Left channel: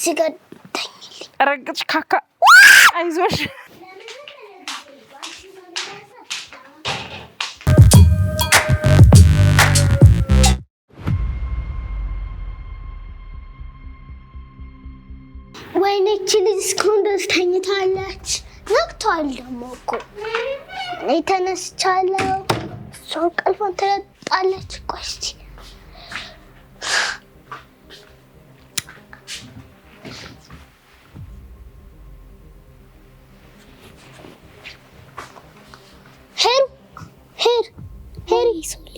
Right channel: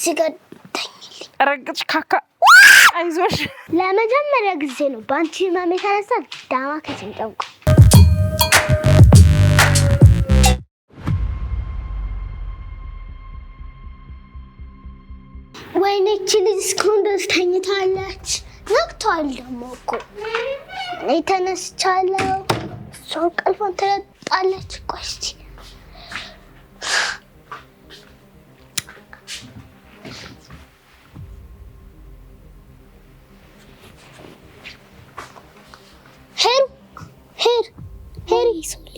ሲገደኝልኝ ረግጭ ካካ አይዞሽ ለመጀመሪያ ጊዜ ነው ባንቺ ማሜ ተነሳ ዳማ ከተንጠው ወይኔ እቺ ልጅ እስካሁን ድረስ ተኝታለች ነቅቷል ደግሞ እኮ እኔ ተነስቻለሁ እሷ ቀልቧን ትለጣለች ቆይ እስኪ ሶሊ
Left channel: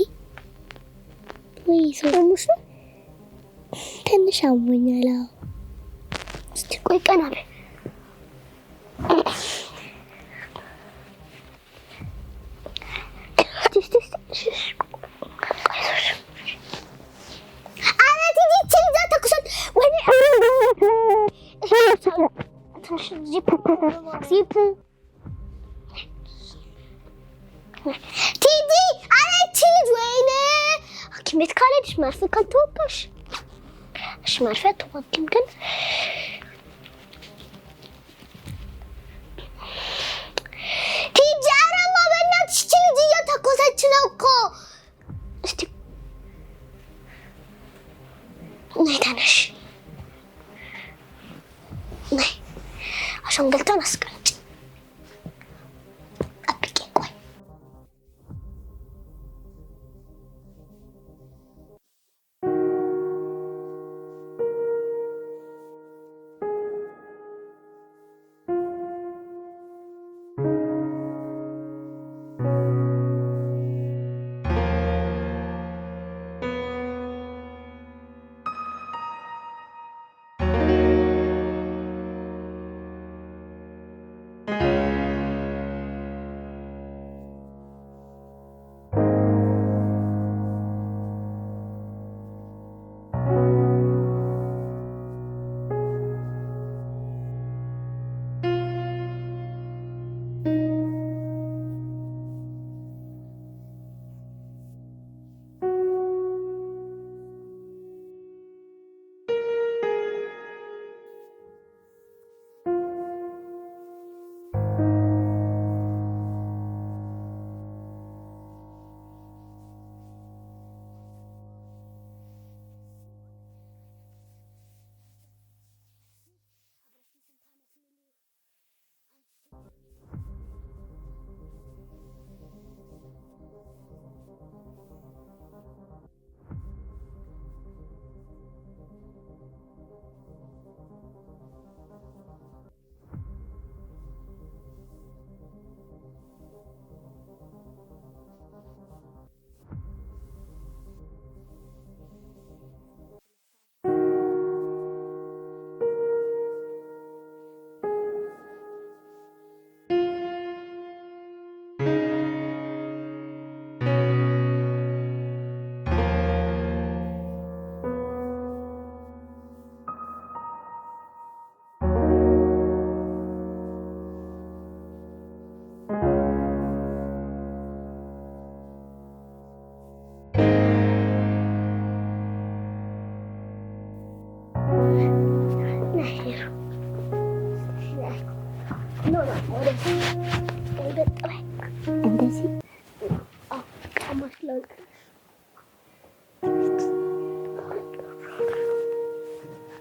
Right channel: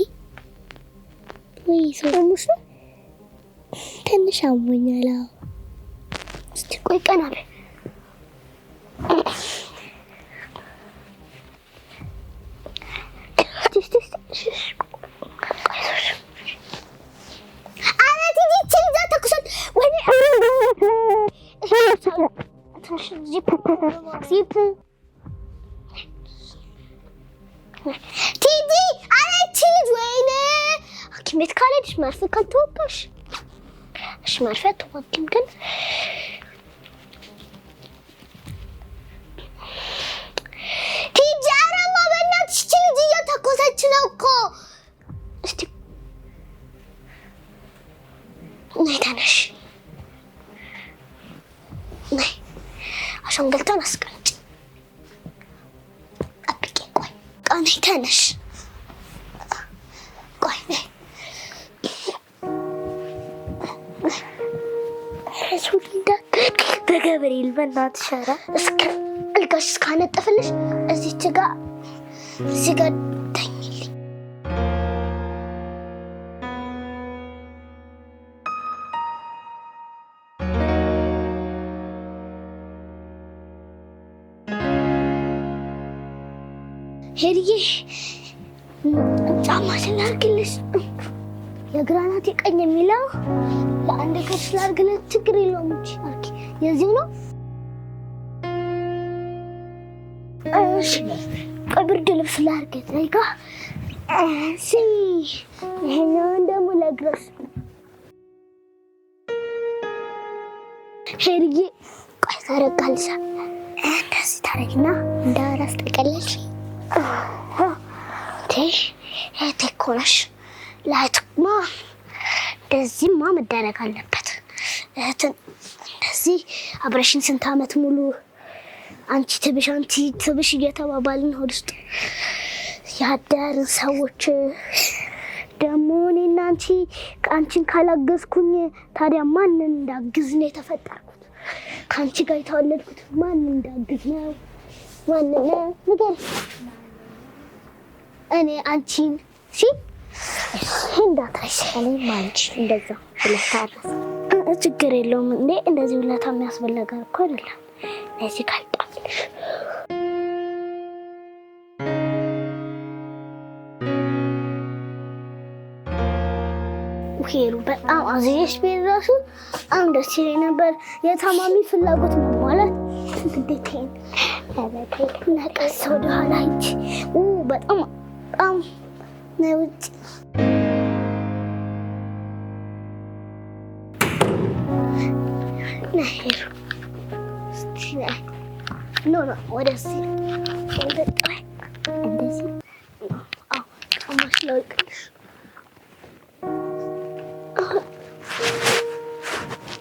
ትንሽ አሞኛል እስቲ ቆይ ቀና በይ ቲጂ አለች ልጅ ወይኔ ሐኪም ቤት ካልሄድሽ መርፌ ካልተወጋሽ እሺ መርፌ አትወጊም ግን ቲጂ አረማ በእናትሽ ልጅ እየተኮሰች ነው እኮ እስቲ ነይ ተነሽ ነይ አሻንጉሊቷን አስቀምጪ አጥቂ ቆይ ነይ ተነሽ ቆይ ነይ በገብርኤል በእናትሽ ኧረ እስከ አልጋሽ እስካነጠፍልሽ እዚህ ጋር ተኝልኝ ሄድዬ ጫማ ስላርግልሽ የግራናት የቀኝ የሚለው ለአንድ እግር ስላርግልሽ ችግር የለውም እንጂ አርኪ የዚህ ነው እሺ ብርድ ልብስ ላርግልሽ አይጋ እሺ ይሄኛውን ደግሞ ለእግርሽ ሄድዬ ቆይ ታረጋልሽ እንደዚህ ታረግና እንዳራስ ጠቀለልሽ ተኮነሽ ላይትማ እንደዚህማ መደረግ አለበት እህትን እንደዚህ አብረሽን ስንት ዓመት ሙሉ አንቺ ትብሽ እየተባባልን ሆድ ውስጥ ያደርን ሰዎች ደግሞ እኔና አንቺን ካላገዝኩኝ ታዲያ ማንን እንዳግዝ ነው የተፈጠርኩት ከአንቺ ጋር የተወለድኩት ማንን እንዳግዝ ነው ማንን ንገር እኔ አንቺን እንዳትረሻለኝ ማንቺ እንደዛ ብለታረስ ችግር የለውም እንዴ እንደዚህ ብለታ የሚያስብል ነገር እኮ አይደለም እዚህ ካልጣልሽ ሄሩ በጣም አዝየሽ ቢራሱ አንድ ደስ ይለኝ ነበር የታማሚ ፍላጎት ነው ማለት ግዴታዬ ነቀስ ወደኋላ ሂጅ በጣም ነውጭ ነሄር ኖ ወደዚህ ወደጣይ እንደዚህ ቀማሽ ነው ይቅርሽ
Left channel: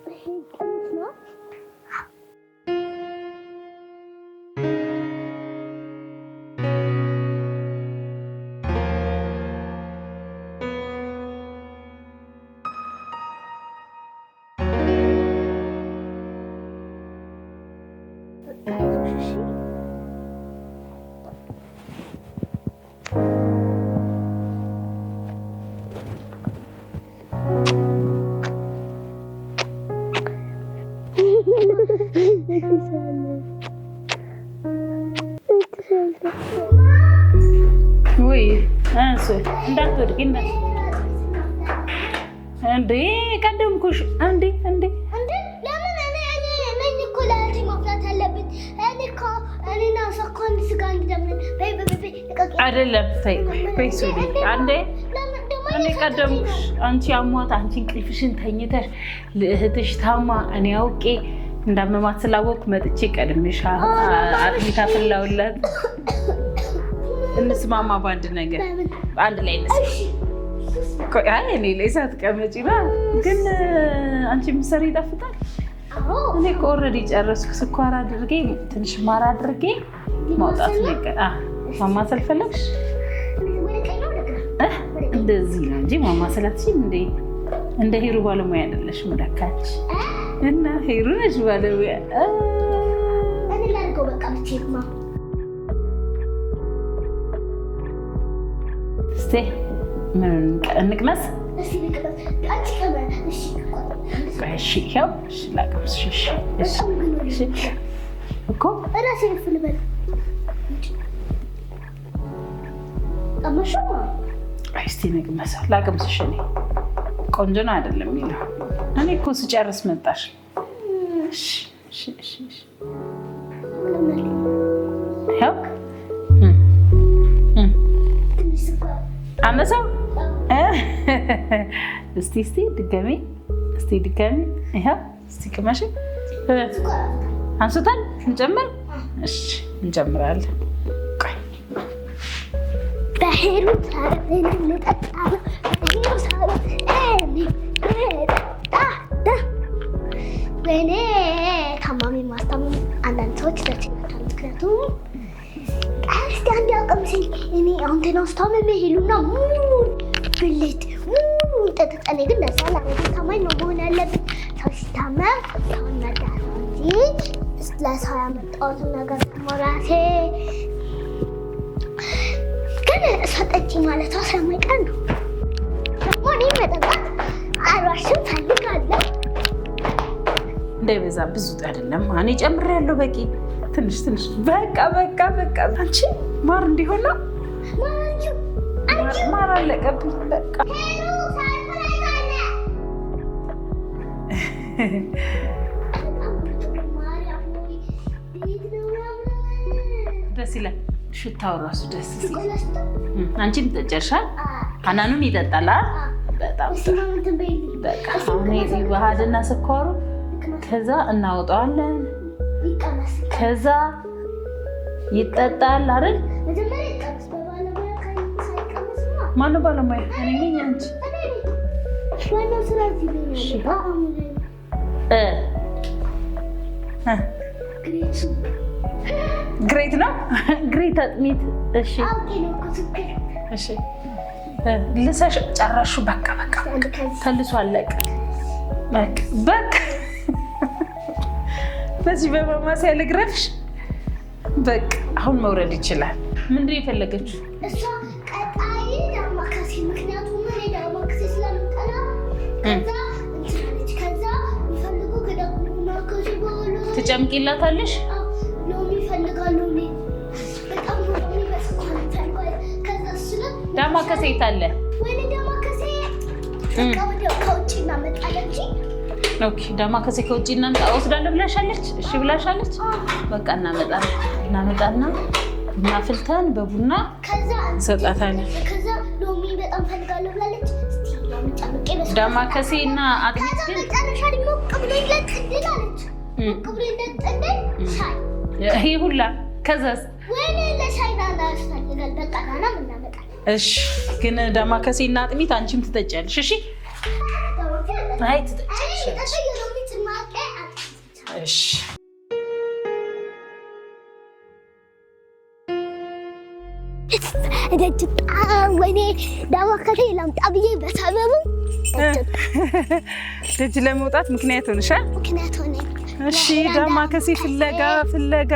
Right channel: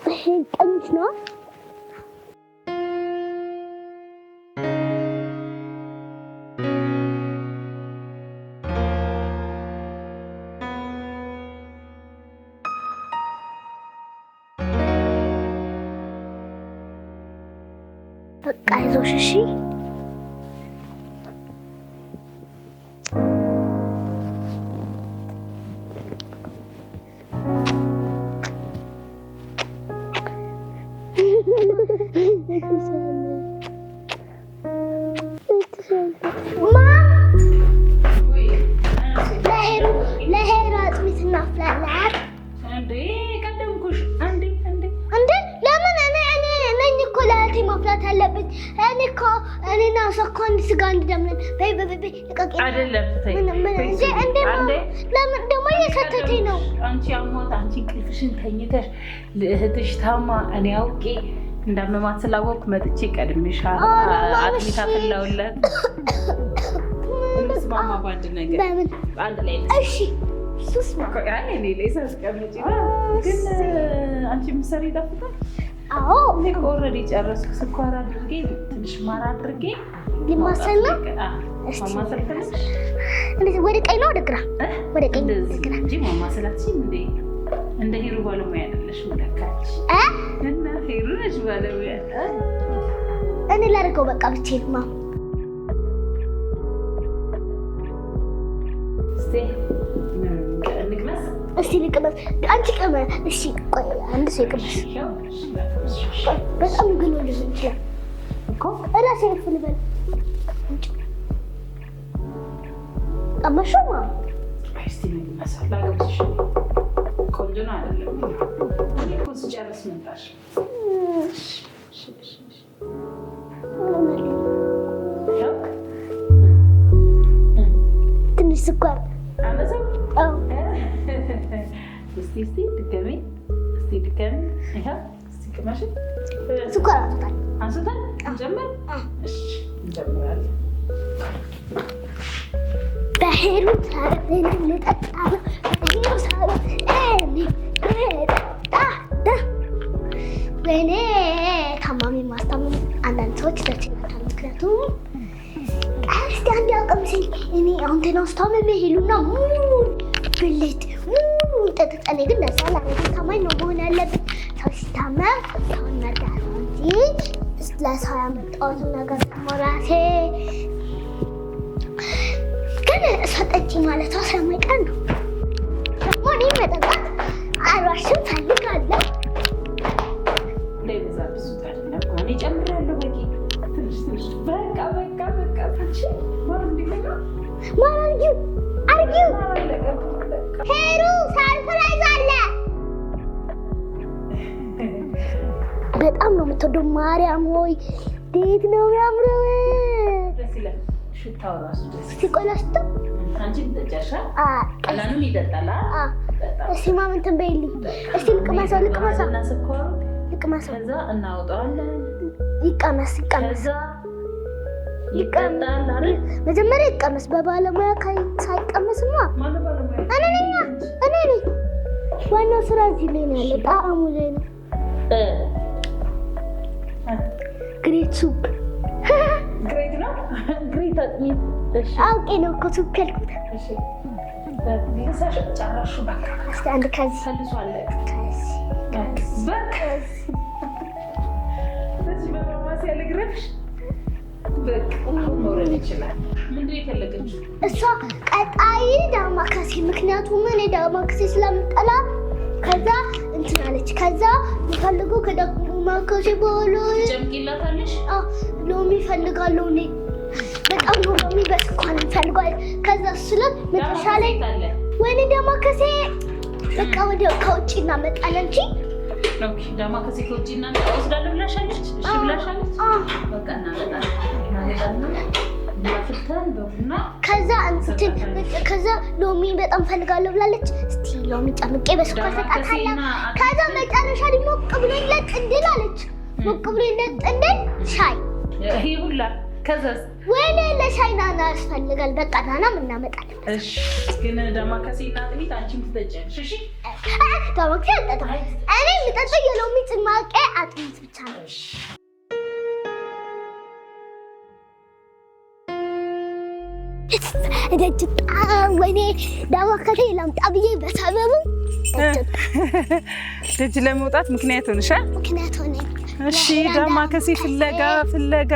ይሄ ቀንሽ ነው በቃ አይዞሽ እሺ አንቺ አሟት አንቺ እንቅልፍሽን ተኝተሽ ለእህትሽ ታማ እኔ አውቄ እንዳመማት ስላወቅኩ መጥቼ ቀድሜሽ አጥሚት አፈላሁላት። እንስማማ በአንድ ነገር አንድ ላይ እኔ ላይ ሳትቀመጪ ግን አንቺ የምትሰሪ ይጣፍጣል። እኔ እኮ ኦልሬዲ ጨረስኩ። ስኳር አድርጌ ትንሽ ማር አድርጌ ማማሰል ፈለግሽ? ወደ ቀኝ ነው ወደ ግራ? ወደ ቀኝ እንጂ ማማሰላትሽም እንደ ሄሩ ባለሙያ አይደለሽም። ለካች እና ሄሩ ነሽ ባለሙያ። እኔ ላድርገው በቃ ብቻዬን ነው። እስቲ እንቅመስ። እስቲ ልቅመስ። አንቺ ከመ እሺ ቆይ አንድ ሰው እሺ ያው ላቅምስ። እሺ ግን ልጅ እኮ እራስ ልፍል በል አማሽማ እስቲ እንቅመስ። ላቅምስሽ። እኔ ቆንጆ ነው አይደለም የሚለው እኔ እኮ ስጨርስ መጣሽ። እሺ እሺ ያው ትንሽ ስኳር አነሳው። እስቲ ድጋሚ ይሄ እስቲ ቅመሽ። ስኳር አንስታል እንጀምር። እሺ እንጀምራለን። በሄሩ ሳረን ልጠጣ በሄሩ ሳረን በእኔ ታማሚ ማስታመም አንዳንድ ሰዎች ይተችላቸዋል። ምክንያቱም እስቲ አንድ ያቀምስኝ እኔ አሁን ተናስታመም ሄሉና ሙሉ ብልት ሙሉ ጠጥጠኔ ግን ለዛ ላረግ ታማኝ ነው መሆን ያለብን። ሰው ሲታመም ሰውን መርዳት ነው እንጂ ለሰው ያመጣሁትን ነገር ሞራሴ ግን እሷ ጠጪ ማለቷ ስለማይቀር ነው። ደግሞ እኔ መጠጣት አልዋሽም ፈልጋለሁ። እንዳይበዛ ብዙ አይደለም። እኔ ጨምሬያለሁ። በቂ ትንሽ በቃ አንቺ ማር እንዲሆን ነው። ማር አለቀብኝ። በቃ ሄሩ ሳርፕራይዝ አለ። በጣም ነው የምትወደው። ማርያም ሆይ እንዴት ነው የሚያምረው! ደስ ይላል። ሽታው ራሱ ደስ ይላል። አንቺም ትጨርሻል። ሀናኑን ይጠጣል። በጣም እስቲ ማምን ትንበይልኝ። ባህልና ስኳሩ ከዛ እናወጣዋለን። ይቀመስ። ከዛ ይጠጣል አይደል? መጀመሪያ ይቀመስ። በባለሙያ ሳይቀመስማ ማነው ባለሙያ? እኔ ነኝ። ዋናው ስራ እዚህ ላይ ነው ያለው። ጣዕሙ ላይ ነው። ግሬት ሱፕ ግሬት ነው። ግሬት አጥሚት። እሺ አውቄ ነው እኮ ሱፕ ያልኩት። እሺ ልሰሽ ጨረሹ። በቃ አንድ ከዚህ ተልሶ አለቀ። በቃ በዚህ በማማሰያ ልግረፍሽ። በቃ አሁን መውረድ ይችላል። ምንድን የፈለገችው እሷ? ቀጣይ ዳማከሴ። ምክንያቱም እኔ ዳማከሴ ስለምጠላ ከዛ እንትን አለች። ከዛ የፈልገው ከዳማከሴ በኋላ ትጨምቂላታለሽ። ሎሚ እፈልጋለሁ። እኔ በጣም ሎሚ በስኳር እፈልጋለሁ። ከዛ ስለ ዳማከሴ ታለ ወይኔ ዳማከሴ በቃ ወዲያው ከውጭ እናመጣለን እንጂ ኦኬ። ዳማከሴ ከውጭ እናምጣ ወስዳለሁ ብላሻለች። እሺ ብላሻለች። በቃ እናመጣና ቡና ፍልተን በቡና ከዛ እንሰጣታለን። ከዛ ሎሚ በጣም ፈልጋለሁ ብላለች። እስቲ ሎሚ ጨምቄ በስኳር ዳማከሴና ከዛ መጨረሻ ላይ ሞቅ ብሎ ይለጥንድል አለች። ሞቅ ብሎ ይለጥንድል ሻይ ይሄ ሁላ ከዛስ ወይኔ ለሻይ ናና ያስፈልጋል። በቃ ናና እናመጣለን። እሺ ግን ዳማከሴና አጥሚት አንቺም ትጠጫለሽ። እሺ ዳማከሴ እኔ ልጠጣ የሎሚ ጭማቂ አጥሚት ብቻ ነው። እሺ ወይኔ ዳማከሴ ላምጣ ብዬ በሰበቡ ደጅ ለመውጣት ምክንያት ሆነሻል። ምክንያት ሆነ። እሺ ዳማከሴ ፍለጋ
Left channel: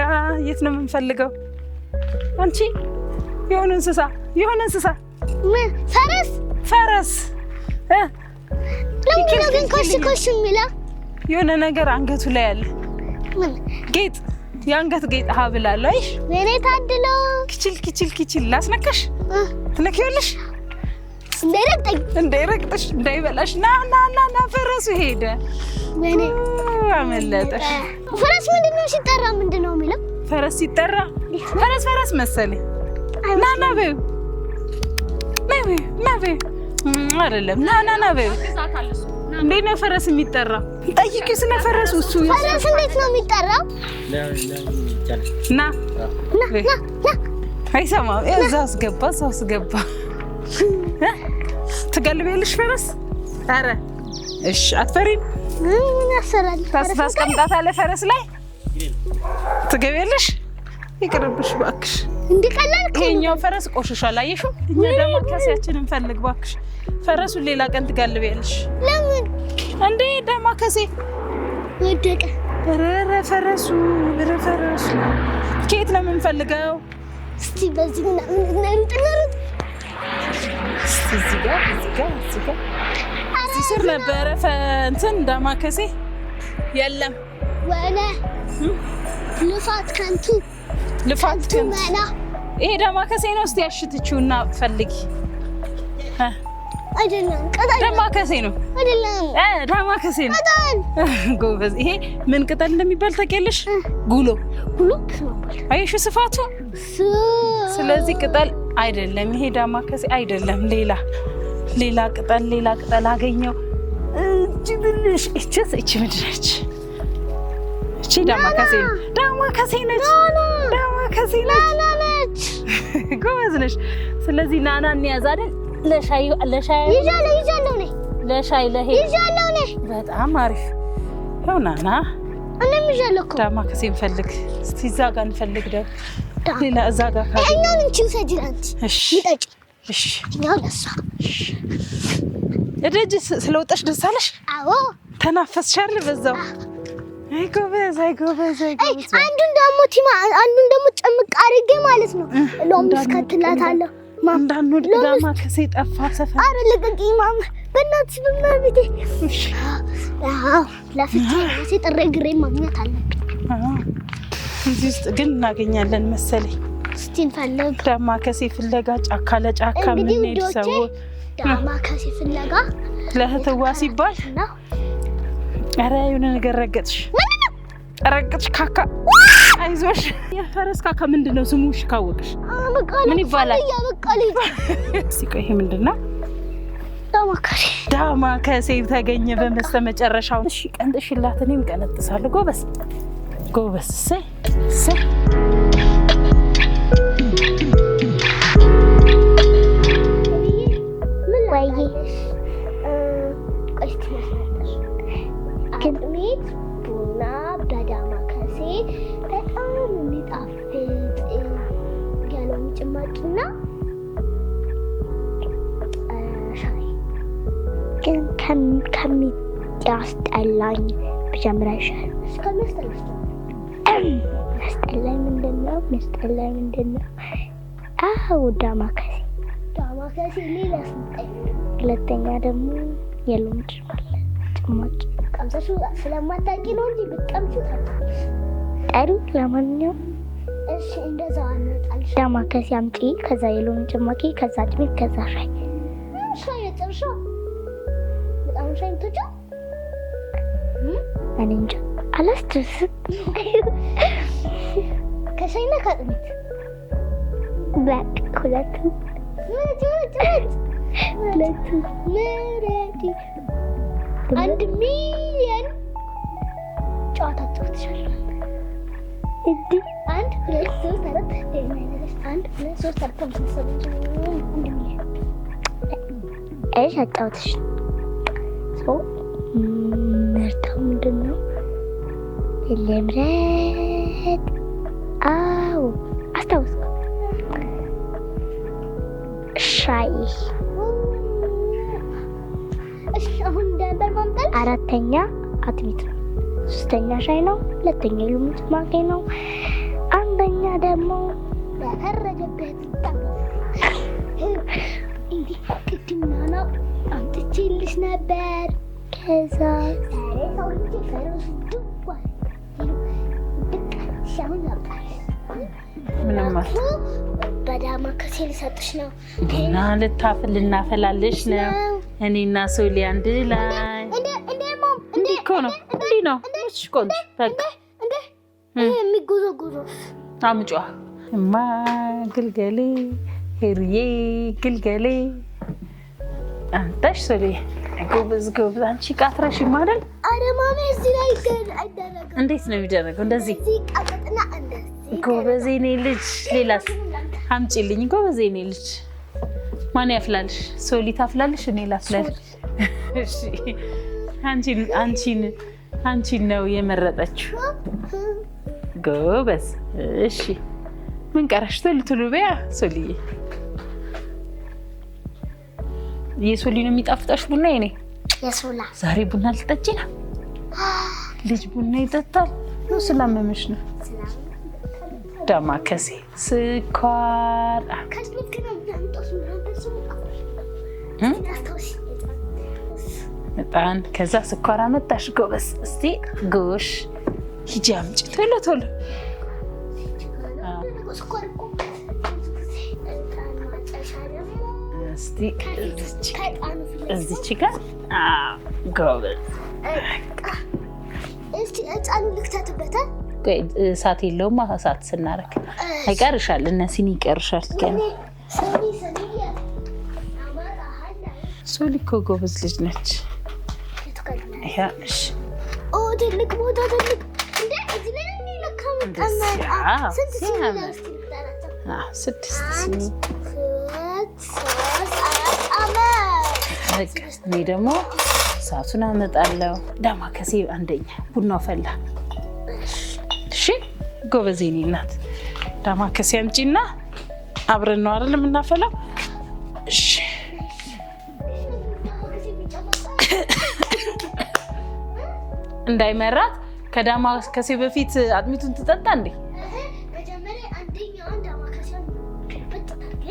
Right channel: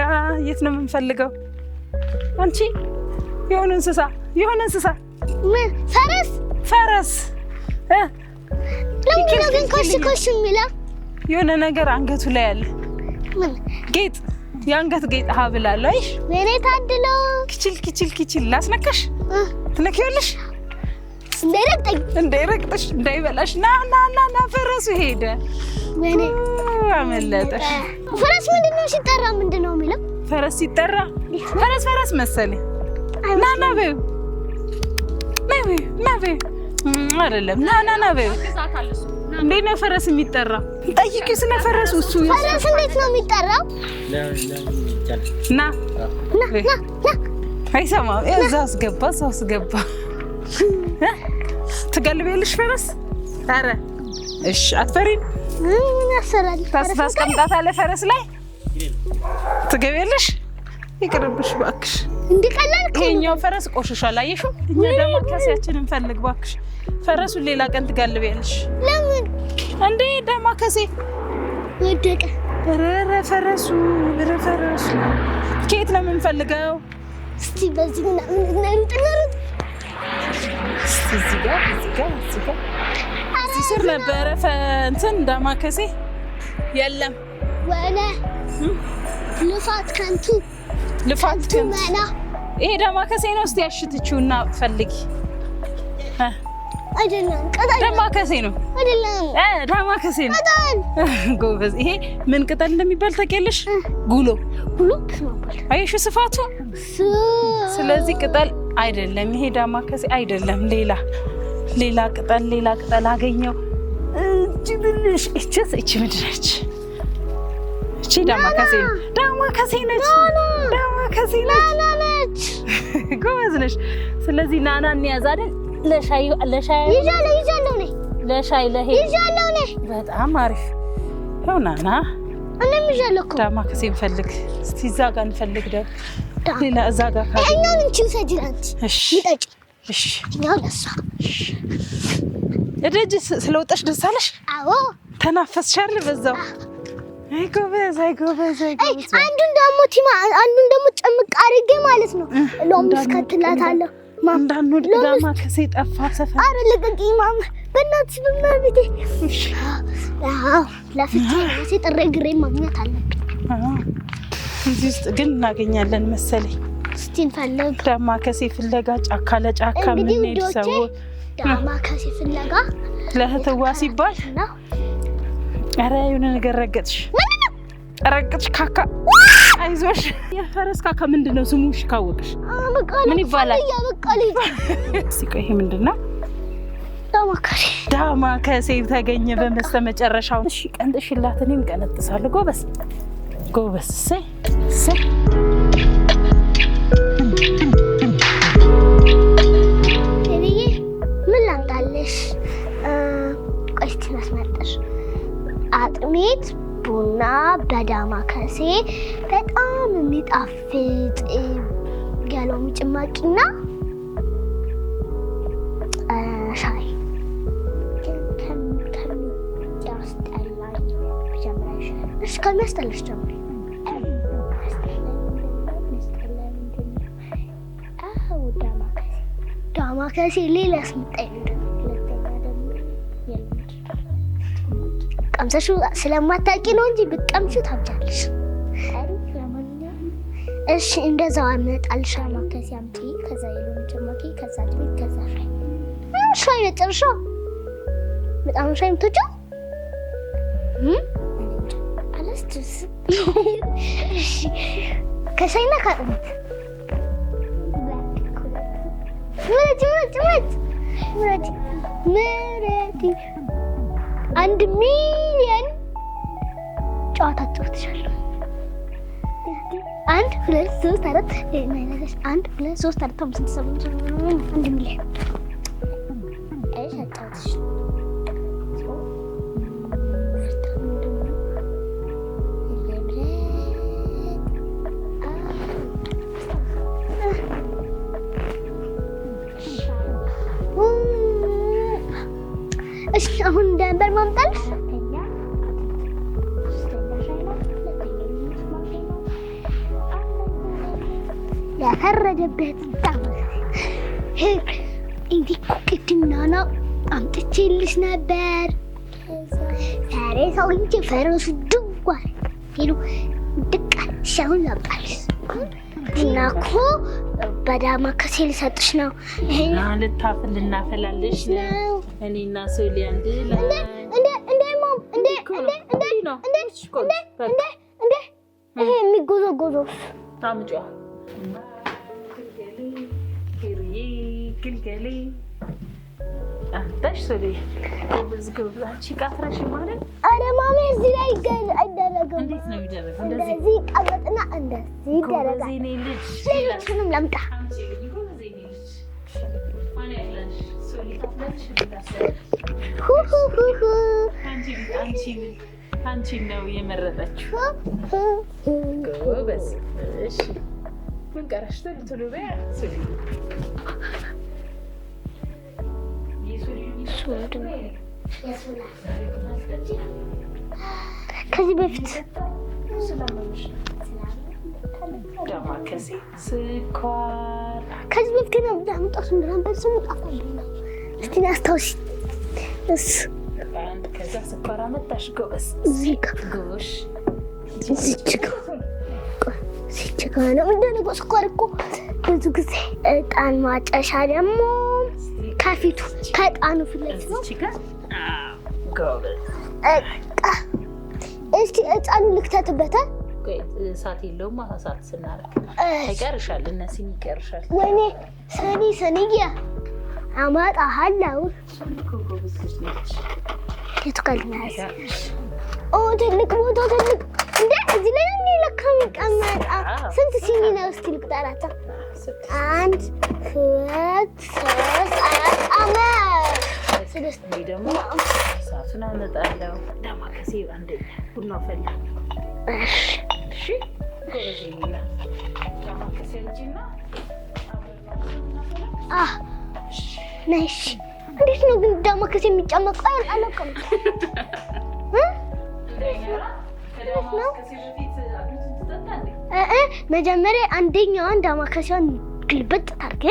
የት ነው የምንፈልገው? አንቺ የሆነ እንስሳ ምን ፈረስ ለምንድን ነው ግን ኮሽ የሚለው? የሆነ ነገር አንገቱ ላይ አለ። ምን ጌጥ? የአንገት ጌጥ ሀብል አለ። አይሽ ወይኔ ታድሎ። ኪችል ላስነካሽ? ትነኪዋለሽ? እንዳይረግጥሽ እንዳይበላሽ። ና ፈረሱ ሄደ። ወይኔ አመለጠሽ። ፈረስ ምንድነው ሲጠራ ምንድነው የሚለው? ፈረስ ሲጠራ ፈረስ መሰለኝ። ና በይው አይደለም ና በይ እንዴት ነው ፈረስ የሚጠራው? ጠይቂው ስለ ፈረሱ። እሱ ፈረስ እንዴት ነው የሚጠራው? ና አይሰማም። እዛ አስገባ ትገልቢያለሽ ፈረስ? ኧረ እሺ አትፈሪም? ምን ያሰራል? ታስቀምጣታለህ ፈረስ ላይ ትገቢያለሽ? ይቅርብሽ እባክሽ። እንዲቀላል ከኛው ፈረስ ቆሽሿል። አየሽው? እኛ ደግሞ ከሲያችንን እንፈልግ እባክሽ። ፈረሱን ሌላ ቀን ትጋልቢያለሽ። ለምን እንዴ? ዳማከሴ ወደቀ። ኧረ ፈረሱ ከየት ነው የምንፈልገው? እስቲ በዚህ ነሩጥ እዚህ ጋር እዚህ ስር ነበረ እንትን ዳማከሴ የለም። ወለ ልፋት ከንቱ መና። ይሄ ዳማከሴ ነው። እስቲ ያሽትችውና ፈልጊ። አይደለም ቅጠል ዳማከሴ ነው። አይደለም ዳማከሴ ነው። ቅጠል ጎበዝ። ይሄ ምን ቅጠል እንደሚባል ታውቂያለሽ? ጉሎ አየሽው ስፋቱ። ስለዚህ ቅጠል አይደለም ይሄ ዳማከሴ አይደለም። ሌላ ቅጠል አገኘው። እቺ ብልሽ እቺ ምንድን ነች? እቺ ዳማከሴ ነች። ጎበዝ ነሽ። ስለዚህ ናና እንያዝ አይደል? ለሻይ ይዣለሁ ነኝ። ለሻይ ይዣለሁ ነኝ። በጣም አሪፍ ነው። ናና እኔም ይዣለሁ እኮ። ዳማከሴ እንፈልግ እስቲ። እዛ ጋር እንፈልግ ደግሞ ሌላ እዛ ጋር ካለ እኛን እንቺ ሰጅራንት እሺ ይጠጭ። እሺ ያው ለሷ እደጅ ስለወጣሽ ደስ አለሽ? አዎ ተናፈስሽ አይደል? በዛው አይ ጎበዝ። አንዱን ደግሞ ጭምቅ አድርጌ ማለት ነው ሎሚ እስከትላታለሁ። እንዳንወድ ዳማከሴ ጠፋ ሰፈር። ኧረ ልቀቂኝ ማማ በእናትሽ በመቤቴ። እሺ አዎ ለፍቼ ጥሬ ግሬ ማግኘት አለብኝ። እዚህ ውስጥ ግን እናገኛለን መሰለኝ። እስቲ እንፈልግ። ዳማከሴ ፍለጋ ጫካ ለጫካ የምንሄድ ሰዎች ዳማከሴ ፍለጋ ለህትዋ ሲባል ኧረ የሆነ ነገር ረገጥሽ ካካ። አይዞሽ። የፈረስ ካካ ምንድን ነው ስሙ? እሺ ካወቅሽ ምን ይባላል? እስኪ ቆይ ይሄ ምንድን ነው? ዳማከሴ ተገኘ በመጨረሻው። እሺ ቀንጥሽላት፣ እኔም ቀነጥሳለሁ። ጎበዝ። እሰይ አጥሜት ቡና በዳማከሴ በጣም የሚጣፍጥ የሎሚ ጭማቂና ሻይ ግን ከሚያስጠላኝ ብጀምር አይሻልም? እስከሚያስጠላሽ ጀምሪ። የሚያስጠላኝ ምንድን ነው? አዎ ዳማከሴ ሌላ ስምጣኝ። ሁለተኛ ደግሞ የሎሚ ጭማቂ ቀምሰሽ ስለማታውቂ ነው እንጂ ብትቀምሺው ታውቂያለሽ። ለማንኛውም እሺ እንደዛው አመጣልሽ። ዳማከሴ አምጪ፣ ከዛ የሎሚ ጭማቂ፣ ከዛ አጥሚት፣ ከዛ ሻይ። ሻይ ነጭርሻ በጣም ሻይ የምትወጪው? እኔ እንጃ አላስታውስም። ከሻይና ከአጥሚት በቃ ሁለቱም። ምረጪ 1 ሚሊዮን ጨዋታ ትጫወትሻለሽ። 1 2 3 4 1 2 3 4 5 6 7 ሚሊዮን እሺ አጫውትሽ። ምርጫው ምንድን ነው? ልምረጥ። አዎ አስታውስ። ሻይ። እሺ አሁን ደንበር ማምጣት። 4ኛ አጥሚት ነው። 3ኛ ሻይ ነው። 2ኛ የሎሚ ጭማቂ ነው። 1ኛ ደግሞ ያፈረደበት እንዲህ ቅድም ናና አምጥቼልሽ ነበር። ከዛ ዛሬ ሰው እንጂ ፈረሱ ድጓል ሄዱ ድቃል። ሻውን ላምጣልሽ እና እኮ በዳማከሴ ልሰጥሽ ነው። እና ልታፍል ልናፈላልሽ ነው። እኔና ሶሊ አንድ ላይ እንዴ እኮ ነው እሺ ቆንጆ በቃ ይሄ የሚጎዘጎዘው አምጫ እማ ግልገሌ ሄሪዬ ግልገሌ አንተሽ ሶሊ ጎበዝ አንቺ ቃትረሽ ማለት አረ ማሜ እዚህ ላይ አይደረግም። እንዴት ነው የሚደረገው? እንደዚህ ቀጥና እንደዚህ ጎበዝ የኔ ልጅ ሌላስንም ለምጣ አምጪልኝ። ጎበዝ የኔ ልጅ ማን ያፍላልሽ? ሶሊ ታፍላልሽ? እንዴ ላፍላልሽ? አንቺን ነው የመረጠችው። ጎበዝ። እሺ ምን ቀረሽ? ቶሎ በያ ሶሊዬ። የሶሊ ነው የሚጣፍጣሽ ቡና? የኔ የሶላ ዛሬ ቡና ልጠጪ ነው? ልጅ ቡና ይጠጣል ነው? ስላመመሽ ነው? ዳማከሴ ስኳር ከዚህ በፊት ነው ዳምጣሱ ነበር ስሙ ጣፋኝ እስቲ አስታውሽ እስ በጣም ከዛ ስኳር አመጣሽ። ጎበዝ እዚህ ጎሽ ሂጂ ቶሎ ሲቸገረ እንደነገ ስኳር እኮ ብዙ ጊዜ እጣን ማጨሻ ደግሞ ከፊቱ ከእጣኑ ፊት እዚች ጋር ጎበዝ እስቲ እጣኑ ልክተትበታል። እሳት የለውም። እሳት ስናረግ አይቀርሻል። እነሲን ይቀርሻል። ሰኒያ አማጣሃለው። ሶሊ እኮ ጎበዝ ልጅ ነች። ትልቅ ቦታ ትልቅ እንደ እዚህ ላይ ለካም ቀመጣ ስንት ሲኒ ነው? እስቲ ልቁጠራታ። 6 1 2 3 4 5 እኔ ደግሞ እሳቱን አመጣለሁ። ዳማከሴ አንደኛ ቡናው ፈላ። እሺ ጎበዝ የኔ እናት ዳማከሴ አምጪና አብረን ነው አይደል የምናፈላው? እሺ ነሽ። እንዴት ነው ግን ዳማከሴ የሚጨመቀው? እንዳይመራት ከዳማከሴ በፊት አጥሚቱን ትጠጣ እንዴ? መጀመሪያ አንደኛዋን ዳማከሴዋን ግልብጥ ታርገ።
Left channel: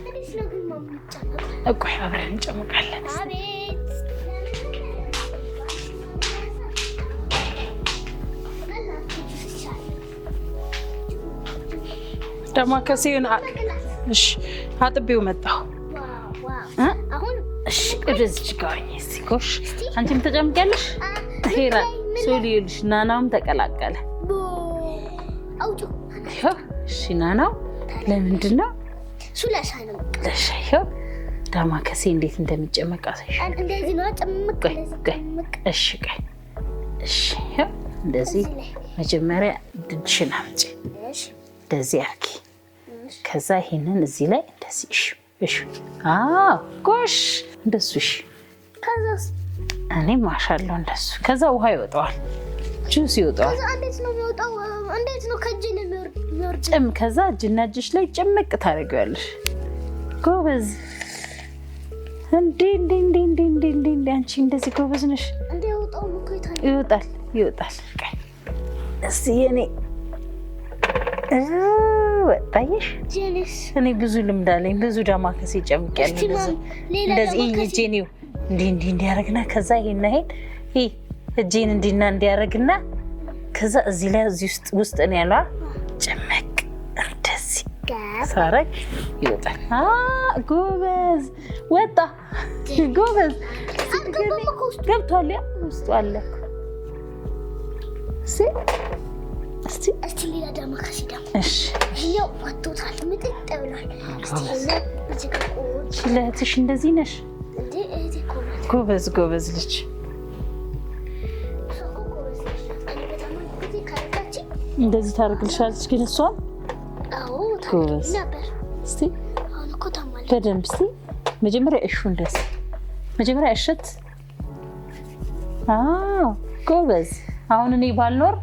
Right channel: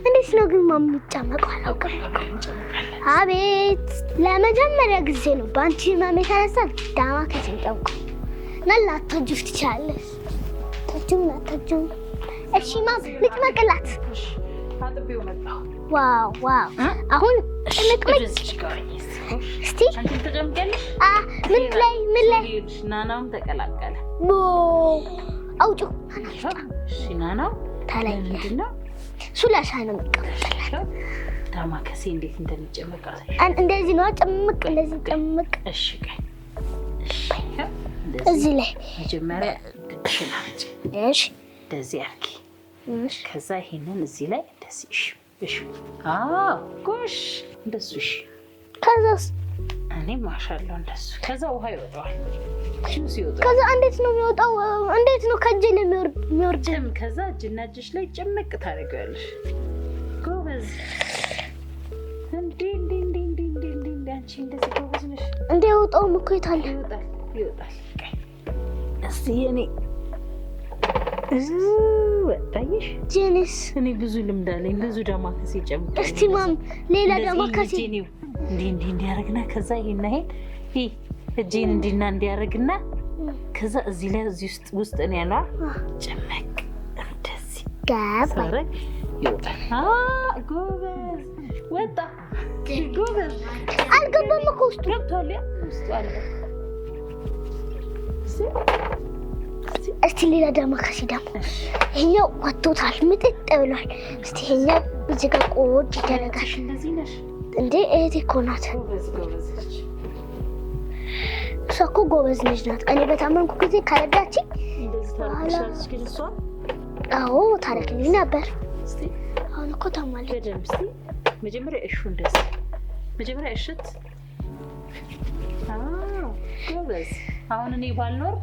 እንዴት ነው ግን ማም የሚጨመቀው? ቆይ አብረን እንጨምቃለን። አቤት ለመጀመሪያ ጊዜ ነው ባንቺ ማም የተነሳ ዳማከሴ ጠውቁ ነላቱ ጁስ ትቻለሽ። ታጁ ዳማከሴን መቅላት። እሺ አጥቤው መጣሁ። ዋው አሁን እዚህ ጋር እስቲ አንቺም ተጨምቀልሽ። ሶሊልሽ ናናውም ተቀላቀለ። አውጪ እሺ ናናው ለምንድን ነው ሱላሻ ነው መቀለሽ? ዳማከሴ እንዴት እንደሚጨመቅ አሳይሽ። እንደዚህ ነው ጨምቅ። እንደዚህ ጨምቅ። እሺ እሺ እንደዚህ ላይ መጀመሪያ ድድሽን አምጪ። እሺ እንደዚህ አርጊ። ከዛ ይሄንን እዚህ ላይ እንደዚህ እሺ ጎሽ እንደሱ እሺ። ከዛስ እኔ ማሻአላህ እንደሱ። ከዛ ውሃ ይወጣዋል፣ ጁስ ይወጣዋል። ከዛ እንዴት ነው የሚወጣው? እንዴት ነው ከእጅ ላይ የሚወርድ? ከዛ እጅና እጅሽ ላይ ጭምቅ ታደርጊዋለሽ። ጎበዝ እንዴ አንቺ እንደዚህ ጎበዝ ነሽ። እንዴ ወጣውም እኮ ይወጣል። እስቲ የኔ ወጣይሽ ጄኒስ እኔ ብዙ ልምድ አለኝ። ብዙ ዳማከሴ ጨምቄያለሁ። እስቲ ማም ሌላ ዳማከሴ ጄኒው እንዲህ ያረግና ከዛ ይሄን እጄን እንዲያረግና ከዛ እዚህ ላይ እዚህ ውስጥ ነው ያለው ጨመቅ እንደዚህ ሳረግ ይወጣል። ጎበዝ ወጣ። ጎበዝ አልገባም እኮ ውስጥ ገብቷል። ውስጡ አለ። እስቲ ሌላ ዳማከሴ ደግሞ ይሄኛው ወጥቶታል፣ ምጥጥ ብሏል። እስቲ ይሄኛው እዚህ ጋር ቆጭ ለትሽ እንደዚህ ነሽ እንዴ? እህቴ እኮ ናት። ጎበዝ ልጅ። እሷ እኮ ጎበዝ ልጅ ናት። እኔ በታመንኩ ጊዜ ካረዳችኝ እንደዚህ ታረግልሻለች። ግን እሷ አዎ ታረግልኝ ነበር። እስቲ አሁን እኮ ታማለች በደንብ። እስቲ መጀመሪያ እንደዚህ መጀመሪያ እሸት። ጎበዝ። አሁን እኔ ባልኖር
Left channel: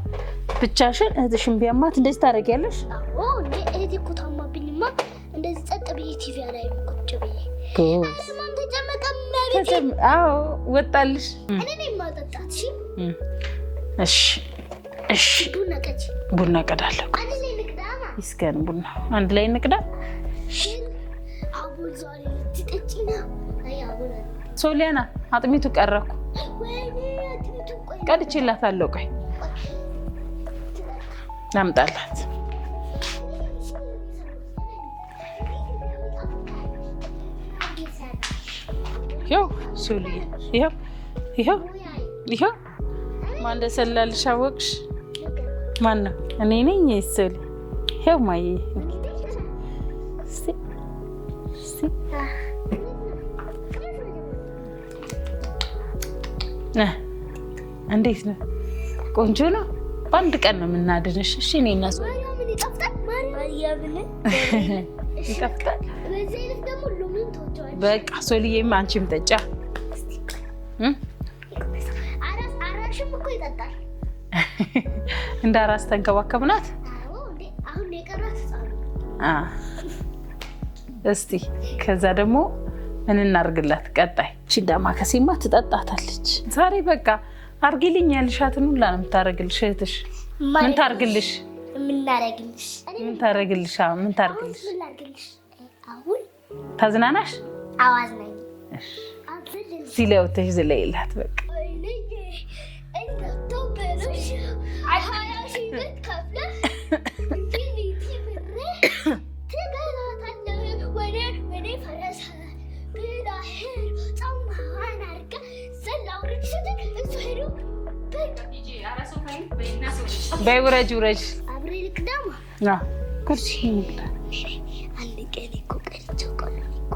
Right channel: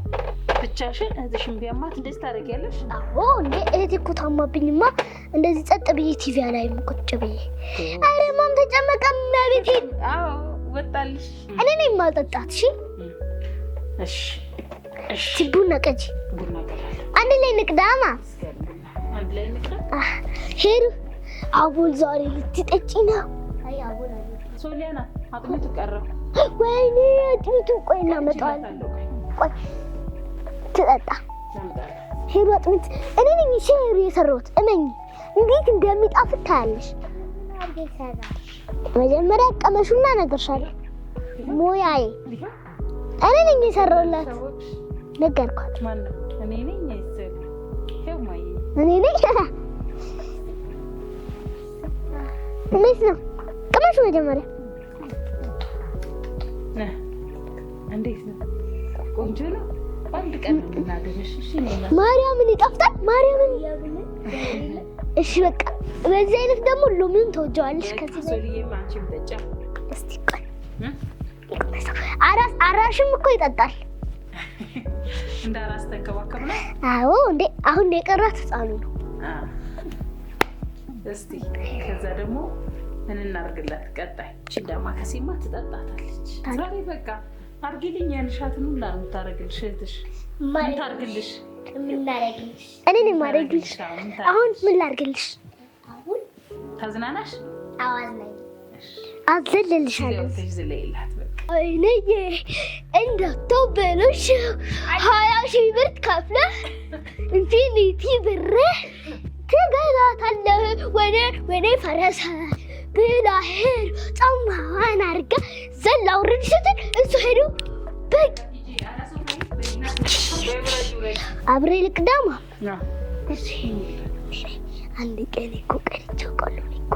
ብቻሽን እህትሽን ቢያማት እንደዚህ ታደርጊያለሽ? አዎ እንዴ እህቴ እኮ ታማብኝማ እንደዚህ ጸጥ ብዬ ቲቪ ላይ ቁጭ ብዬ። አረ ማም ተጨመቀ ማለት አዎ ወጣልሽ። እኔ ነኝ የማጠጣት። እሺ ቡና ቀዳለሁ። አንድ ላይ ንቅዳማ ይስከን ቡና አንድ ላይ ንቅዳ። ሄሩ አቦል ዛሬ ልትጠጪ ነው? አይ አቦል ሶሊያና አጥሚቱ ቀረኩ። ወይኔ አጥሚቱ ቆይ ቀድቼላታለሁ። ቆይ ትጠጣ ናምጣላት። ሄሩ አጥሚት እኔ ነኝ ሼሩ የሰራሁት። እመኝ እንዴት እንደሚጣፍጥ ታያለሽ። መጀመሪያ ቀመሱና ነገርሻለሁ። ይሄው ሞያዬ እኔ ነኝ የሰራሁት። አወቅሽ? ነገርኳት። ማን ነው? እኔ ነኝ ሶሊ። ይሄው ማዬ እኔ ነኝ። እንዴት ነው? ቅመ ላስቀምጥላችሁ መጀመሪያ። እንዴት ነው? ቆንጆ ነው። በአንድ ቀን ነው የምናድንሽ። እሺ እኔና ማርያምን ይጣፍጣል። ማርያምን እሺ በቃ በዚህ አይነት ደግሞ ሎሚውን ተወጀዋለሽ። በቃ ሶልዬም አንቺም ጠጫ። እስቲ ቆይ አራሽም እኮ ይጠጣል። እንደ አራስ ተንከባከብናት። አዎ እንዴ አሁን የቀራት ህፃኑ ነው። እስቲ ከዛ ደግሞ ምን እናርግላት? ቀጣይ ዳማከሴማ ትጠጣታለች። ዛሬ በቃ አርጊልኝ ያልሻትን ሁላ ነው የምታረግልሽ እህትሽ። ምን ታርግልሽ? ምን ታረግልሽ? እኔ ምን ታረግልሽ? ምን ታረግልሽ? አሁን ምን ላርግልሽ? አሁን ታዝናናሽ? አዋዝነኝ አዘልልሽ ሲለውተሽ ዝለይላት በቃ አይኔ እንደተበለሽ 20,000 ብር ከፍለ ኢንፊኒቲ ብር ትገዛታለህ ወደ ፈረሰ ብላሄር ጫማዋን አድርጋ ዘላ ውረድ ስትል እሱ ሄዶ በቃ በይ ውረጅ አብሬ ልቅዳማ ኩርሲ አንድ ቀን እኮ ቀርቼው ቆሎ እኮ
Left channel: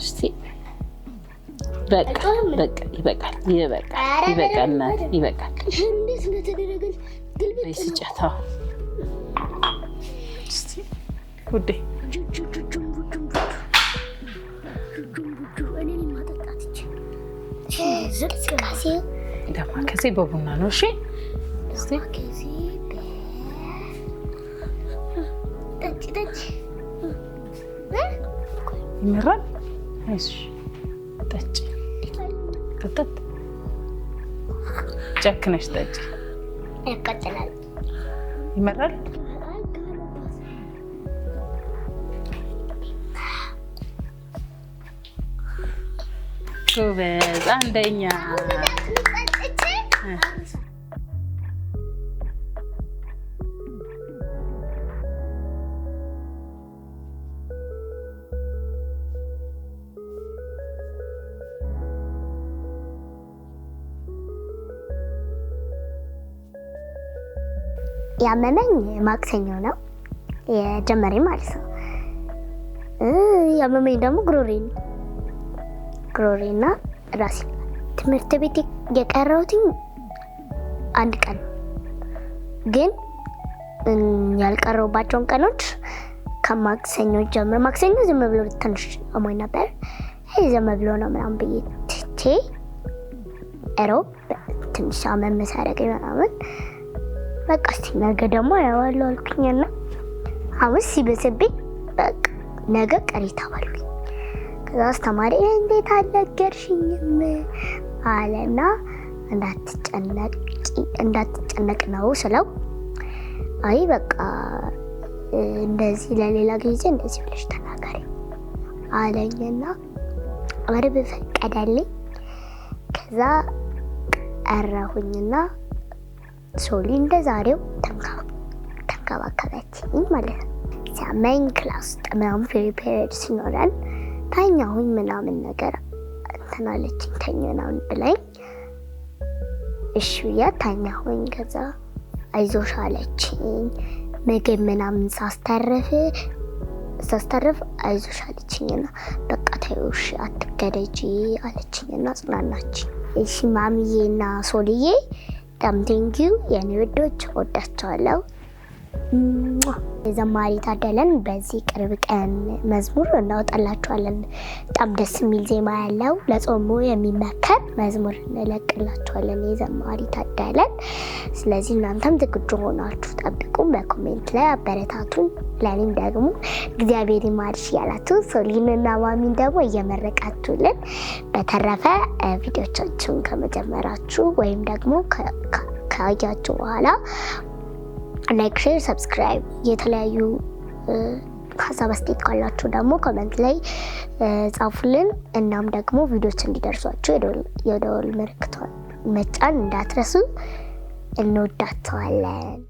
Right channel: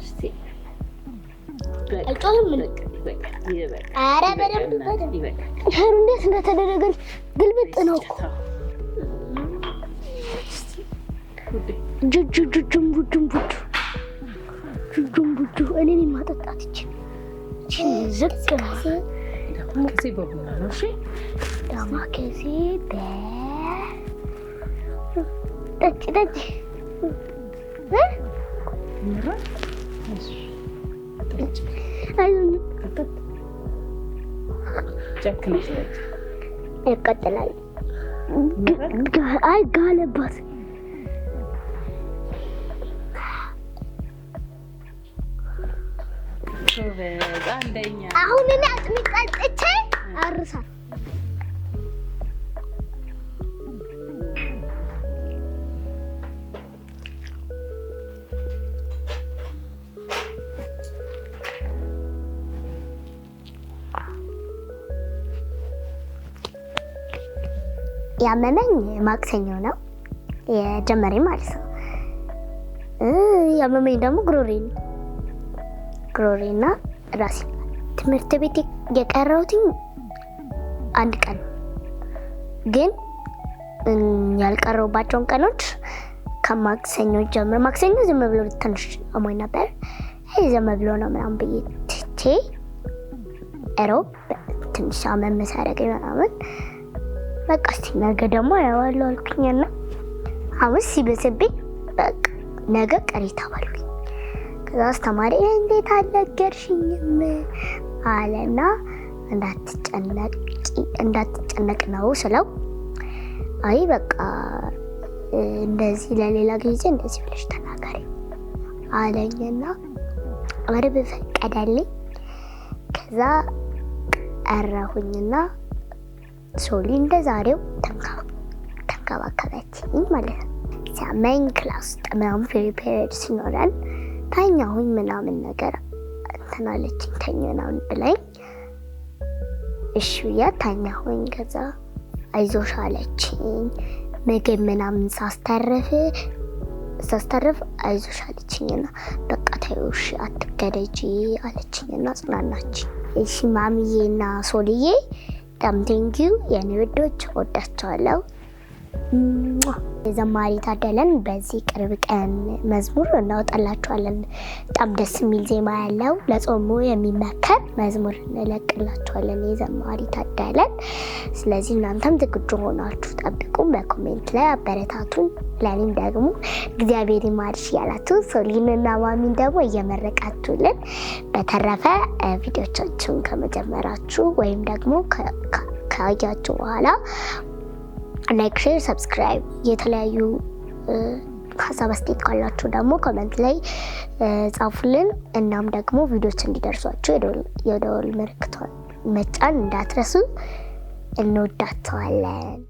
እስቲ በቃ ይበቃል። ይሄ እንዴት እንደተደረገ ግልብጥ ነው ውዴ። እኔ ማጠጣት ዳማከሴ በቡና ነው። እሺ ዳማከሴ ጠጪ ይመራል። አይዞሽ ጠጪ፣ ጠጥ ጨክነሽ ጠጪ። ይቀጥላል። ይመራል። አይ ጋለባት ጎበዝ አንደኛ። አሁን እኔ አጥምጣጭቼ አርሳ ያመመኝ ማክሰኞ ነው የጀመረኝ ማለት ነው። ያመመኝ ደግሞ ግሮሬና ራሴ ትምህርት ቤት የቀረሁት አንድ ቀን ግን ያልቀረሁባቸውን ቀኖች ከማክሰኞ ጀምሮ ማክሰኞ ዝም ብሎ ትንሽ አሞኝ ነበር። ዝም ብሎ ነው ምናምን ብዬ ትቼ እሮብ ትንሽ አመም ሳያደርገኝ ምናምን በቃ እስቲ ነገ ደግሞ አየዋለሁ አልኩኝና ሐሙስ ሲበስብኝ በቃ ነገ ቀሪ ተባልኩኝ። ከዛ አስተማሪ እንዴት አልነገርሽኝም አለና እንዳትጨነቅ ነው ስለው አይ በቃ እንደዚህ ለሌላ ጊዜ እንደዚህ ብለሽ ተናገሪ አለኝና አርብ ፈቀደልኝ። ከዛ ቀረሁኝና ሶሊ እንደዛሬው ተንከባከበችኝ ማለት ነው። ሲያመኝ ክላስ ውስጥ ምናምን ፔሪድ ሲኖረን ተኛሁኝ ምናምን ነገር እንትን አለችኝ። ተኝ ምናምን ብላኝ እሺ ብያት ተኛሁኝ። ከዛ አይዞሽ አለችኝ። ምግብ ምናምን ሳስተርፍ አይዞሽ አለችኝና በቃ ተይው እሺ አትገደጂ አለችኝና ጽናናችኝ። እሺ ማሚዬና ሶልዬ በጣም ቴንኪው የኔ ውዶች፣ ወዳቸዋለሁ። የዘማሪ ታደለን በዚህ ቅርብ ቀን መዝሙር እናወጣላችኋለን። በጣም ደስ የሚል ዜማ ያለው ለጾሙ የሚመከር መዝሙር እንለቅላችኋለን የዘማሪ ታደለን። ስለዚህ እናንተም ዝግጁ ሆናችሁ ጠብቁ። በኮሜንት ላይ አበረታቱን። ለኔም ደግሞ እግዚአብሔር ይማርሽ ያላችሁ ሶሊንና ማሚን ደግሞ እየመረቃችሁልን። በተረፈ ቪዲዮቻችሁን ከመጀመራችሁ ወይም ደግሞ ካያችሁ በኋላ ላይክ፣ ሼር፣ ሰብስክራይብ የተለያዩ ሀሳብ አስተያየት ካላችሁ ደግሞ ኮሜንት ላይ ጻፉልን። እናም ደግሞ ቪዲዮዎች እንዲደርሷችሁ የደወል ምልክቷን መጫን እንዳትረሱ። እንወዳችኋለን።